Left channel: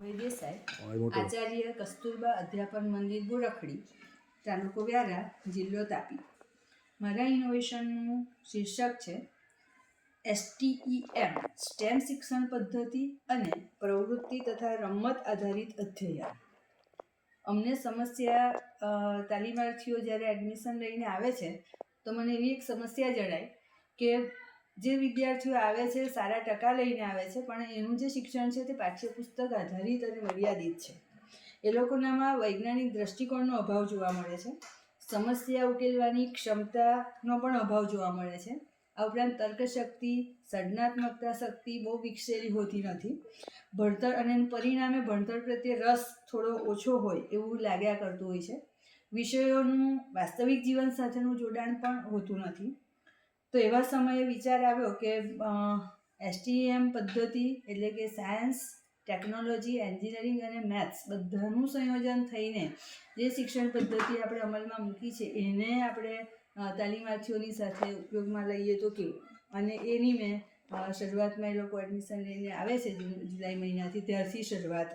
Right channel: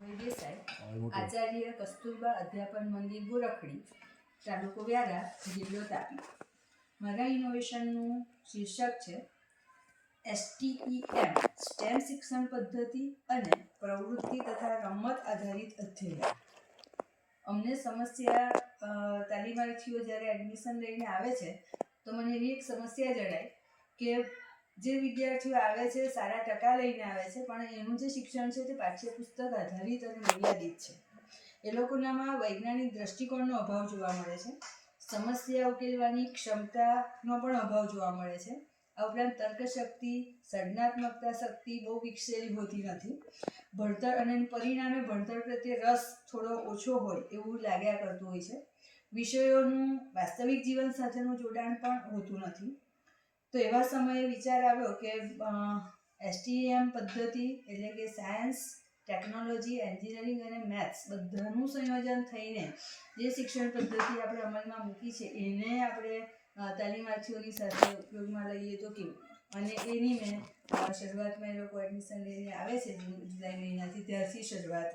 દેસાઈ, આચાર્ય કસ્તુરબા અધ્યાપન મંદિર ગોરખડી, તાલુકો વ્યારા, જિલ્લો તાપી. મારા ઇનોવેશનનું શીર્ષક છે STEM સ્ટેમ શિક્ષણ પદ્ધતિ અને પ્રવૃત્તિ તથા રમત આધારિત અધ્યયન. અમને સમસ્યા તાલીમાર્થીઓ જ્યારે એડમિશન લઈને આવે છે તો મને એવી એક સમસ્યા જણાય કે જે વિદ્યાર્થીઓ આવે છે સારા ટકા લઈને આવે છે, પણ એનું જે શિક્ષણ છે તે પાઠ્યપુસ્તક આધારિત અને મર્યાદિત છે. એ લોકોનામાં વૈજ્ઞાનિક દ્રષ્ટિકોણનો અભાવ જોવા મળે છે. સમસ્યા ઉકેલવાની ક્ષમતાનો પણ અભાવ જોવા મળે છે. આ ઉપરાંત તર્કશક્તિ, સર્જનાત્મકતા શક્તિ બહુ વિકસેલી હોતી નથી. ભણતર અને પરિણામે ભણતર પ્રત્યે રસ થોડો ઓછો હોય એવું લાગ્યા કરતું હોય છે. વિષયોનું વાસ્તવિક જીવન સાથેનું જોડાણ પણ હોતું નથી. તો એવા સમયે વિચાર આવ્યો કે STEM પદ્ધતિ એટલે કે સાયન્સ, ટેકનોલોજી, એન્જિનિયરિંગ અને મેથ્સ બધાનું સંયોજન થઈને જે શિક્ષણ પદ્ધતિ આપણે અમલમાં મૂકી છે એને આપણે તાલીમાર્થીઓની સાથે ઉપયોગમાં લઈએ તો કેવું. અને એની મેં શરૂઆતમાં એ લોકો એડમિશન લઈને આવે છે જુલાઈ મહિનાથી, ત્યારથી શરૂઆત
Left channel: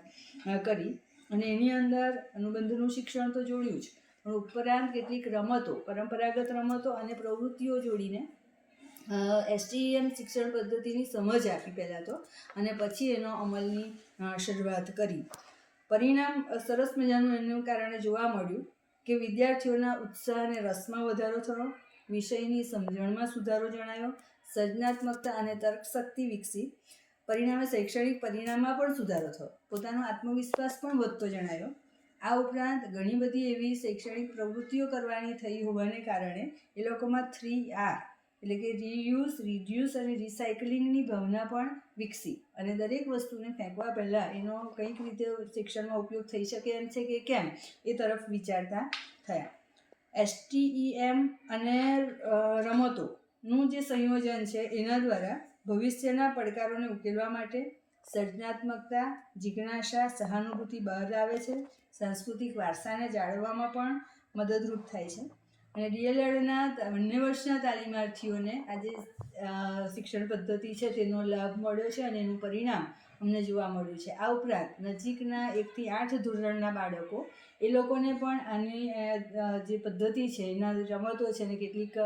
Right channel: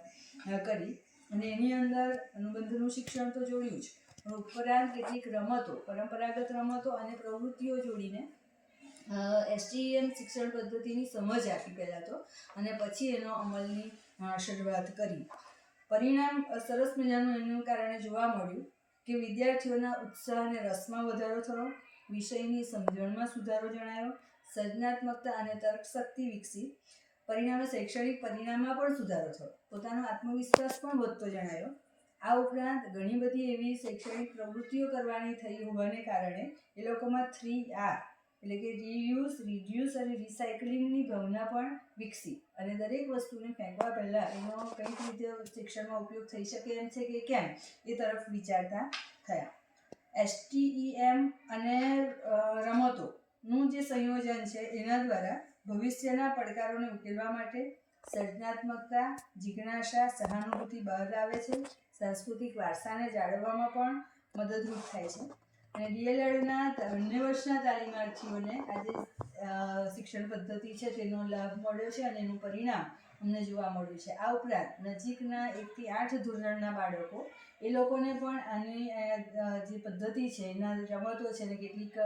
કરી. અને એની અંદર અનુબંધનું શિક્ષણ તો જોડ્યું જ, પણ ઉપરાંત કેટલીક રમતો, પરંપરાગત રમતો અને પ્રવૃત્તિઓ જોડીને STEM શિક્ષણ પદ્ધતિની સમજ આપી પહેલાં તો, અને પછી એનો અમલની શરૂઆત કરી. પરિણામ સરસ મજાનું એનું કારણે જોવા મળ્યું કે વિદ્યાર્થીઓના ઉત્સાહ અને રસમાં વધારો થયો, વિષયની સમજણમાં સુધારો જણાયો, સર્જનાત્મકતા અને તર્કશક્તિ વિકસી, પરિણામે શૈક્ષણિક પરિણામમાં પણ સુધારો થયો, પોતાનો આત્મવિશ્વાસ પણ વધતો જણાયો. આ ઉપરાંત ઘણી બધી એવી શૈક્ષણિક પ્રવૃત્તિઓ કરવાની થઈ હોવાને કારણે એ લોકોમાં 3R એટલે કે રીયુઝ, રિડ્યુસ અને રિસાયકલિંગની ભાવના પણ વિકસી. અને દરેક વસ્તુને ફેંકવા પહેલાં એનો કંઈક રીતે શિક્ષણમાં ઉપયોગ થઈ શકે એમ છે કે કેમ એ તરફ વિચારતા થયા. STEM અને રમતોનું જે સંયોજન છે એના દ્વારા ભવિષ્યના પડકારોને ઉકેલવા માટે સર્જનાત્મકતા, જિજ્ઞાસા, સહાનુભૂતિ બહાર આવે છે. સાંસ્કૃતિક વારસાને જાળવવામાં પણ મદદરૂપ થાય છે. અને DLEDના બંને વર્ષના તાલીમાર્થીઓને આજે શિક્ષણ પદ્ધતિ છે તેનો લાભ મળ્યો છે અને એનું પરિણામ અમને જોવા મળ્યું છે. આ ઉપરાંત નજીકના 1 થી 8 ધોરણના બાળકો, એ લોકોને પણ આની જે પદ્ધતિ છે એના રમતો છે ને કેટલીક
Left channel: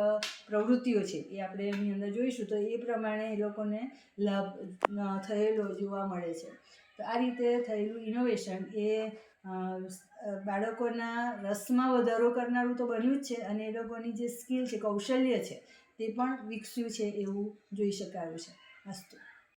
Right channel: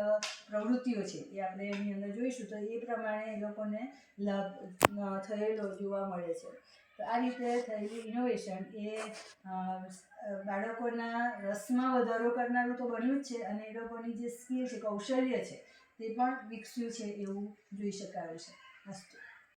પ્રવૃત્તિઓ છે એ આપણે એની અંદર જોઈશું તો એ પ્રમાણે એ લોકોને લાભ થયેલો જોવા મળે છે. તો આ રીતે થયેલું ઇનોવેશન એ બાળકોના રસમાં વધારો કરનારું તો બન્યું જ છે, અને એ લોકોની જે સ્કિલ છે, કૌશલ્ય છે તે પણ વિકસ્યું છે એવું જોઈ શકાયું છે. અસ્તુ.